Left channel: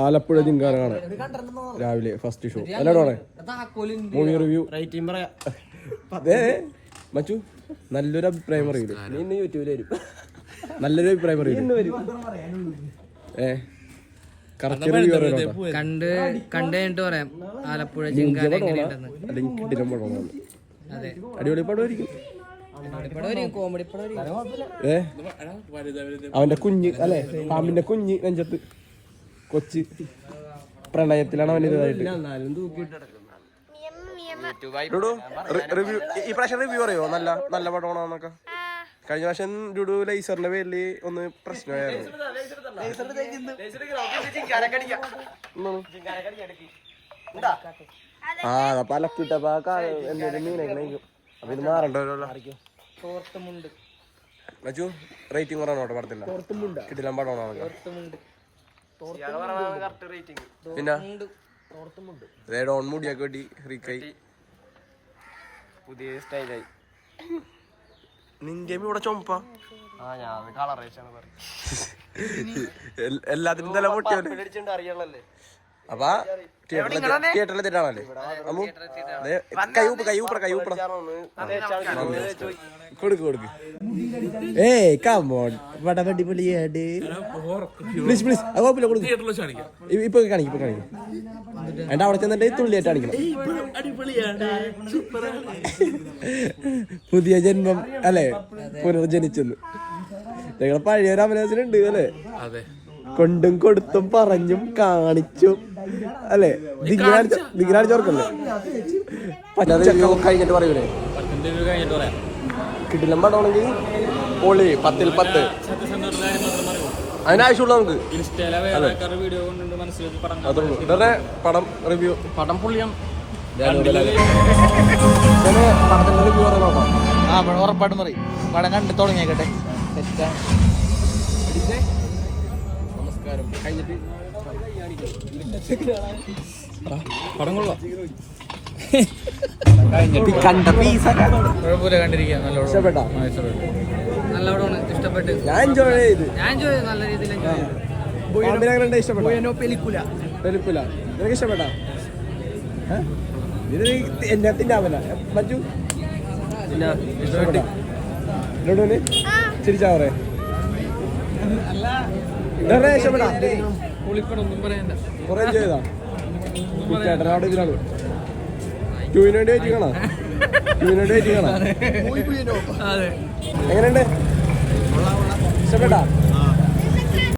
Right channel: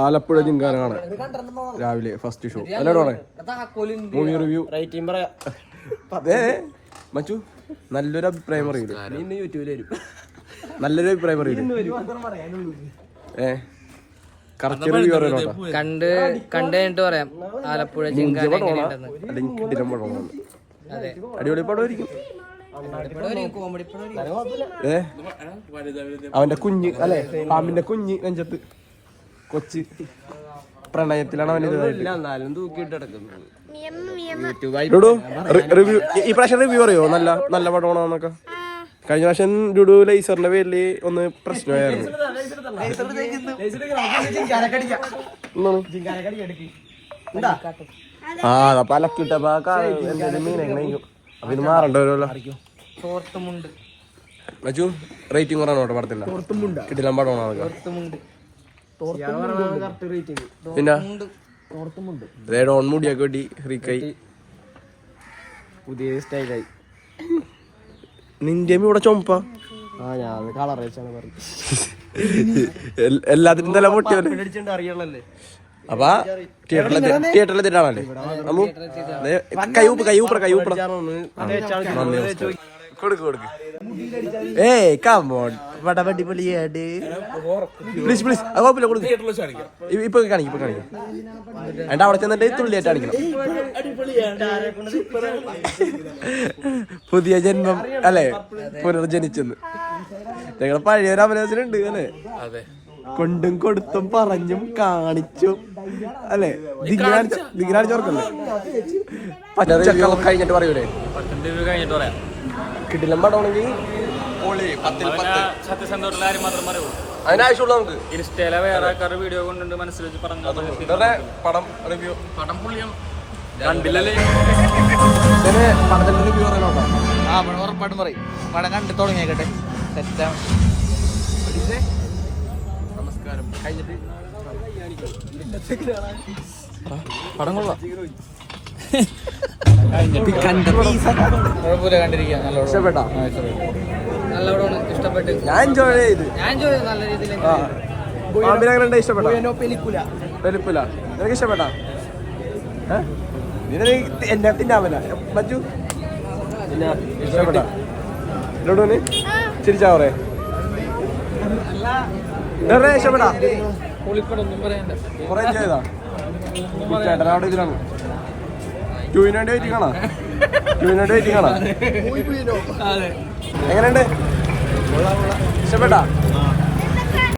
ആലപ്പുഴ ജിങ്കാന കാണാൻ രാവിലെ ഫസ്റ്റ് ഷോ. എന്നോട് മൂവി റിവ്യൂ അതെ മച്ചു നല്ലൊരു അഭിപ്രായം പറയില്ല. നല്ലൊരു അഭിപ്രായം പറയില്ല. കറക്റ്റ് റിവ്യൂ പറയണോട്ടാ. കണ്ടിട്ട് പറയാം ആലപ്പുഴ ജിങ്കാന എങ്ങനെയുണ്ടെന്ന്. അടിപൊളി പടമായിരിക്കും. അവന്റെ കുഞ്ഞ് അല്ലെ പാമ്പിന്റെ കുഞ്ഞ് നെഞ്ചത്ത് കൊച്ച് പ്രണയത്തിലാണ് അവന്. ഈ പ്രാവശ്യം റിവ്യൂ പറയോ? നല്ല നല്ല പടമാണോന്നൊക്കെ. കഴിഞ്ഞ പ്രാവശ്യം ഡുഡു ലൈസറിന്റെ പേരില് ഒന്ന് പ്രശ്നമായിരുന്നു. അതിന് മാറണ്ടല്ലോ. മച്ചു റേറ്റിംഗ് പറയാനോട്ടെ പടത്തില്ല. കിട്ടില്ല പടമാണോ പിന്നെ ഡോൺ മുടിയൊക്കെ വെട്ടി റീക്കൈ പുതിയ സ്റ്റൈലായി. നിന്റെ ഇവിടെ ചുമപ്പ ഞാൻ കളർ എല്ലാത്തിനും തല പൊട്ടിയല്ലേ. അപ്പൊ തിയേറ്ററിലെത്തിട്ടാണല്ലേ ഇപ്പൊ കാണിക്കും. എന്റെ അവിടെ ചെന്നിട്ട് തുള്ളിയായിട്ട് കാണിക്കണം. പുതിയ ജന്മം അല്ലെ, പുനർജനിച്ചെന്ന്. ഞങ്ങൾ പഴയൊരു അഭിനയത്തിലുണ്ട് അല്ലേ. കൊണ്ടും കൊടുത്തും പറഞ്ഞും കാണിച്ചും അല്ലെ. ദിഗ്നാടിച്ചോർക്കല്ലേ കഴിഞ്ഞിട്ട് പറയൂലേ. കിട്ടില്ല പടമാണെങ്കിൽ അതിനാവശ്യമുള്ള ഇൻസ്റ്റയിലെ വേറെ ആൾക്കാരുടെ വീഡിയോ കൊണ്ടുണ്ട് മനസ്സിലാക്കി പടം റിവ്യൂ. പടം പുള്ളിയം കണ്ടില്ലല്ലേ. ഉറപ്പായിട്ടും പറയും. പടം കണ്ടു തുടങ്ങിയേക്കട്ടെ. സെറ്റാണ്. നമസ്കാരം കഴിഞ്ഞിട്ട് പടം കൊള്ളാം. കുഴപ്പമില്ല, കണ്ടിരിക്കുക. നല്ല പടമാണ്. ഇഷ്ടപ്പെട്ട് ഞാൻ എൻജോയ് ചെയ്തു. നല്ല രീതിയിൽ ഇഷ്ടപ്പെട്ടാ എന്നെ തിന്നാമല്ലോ മജു ചിരിച്ചാ കുറേ ഇഷ്ടപ്പെട്ടാ. പൊളിപ്പടൊന്നും പറയണ്ട. എങ്ങനെയുണ്ട്? ഇഷ്ടപ്പെട്ടാ?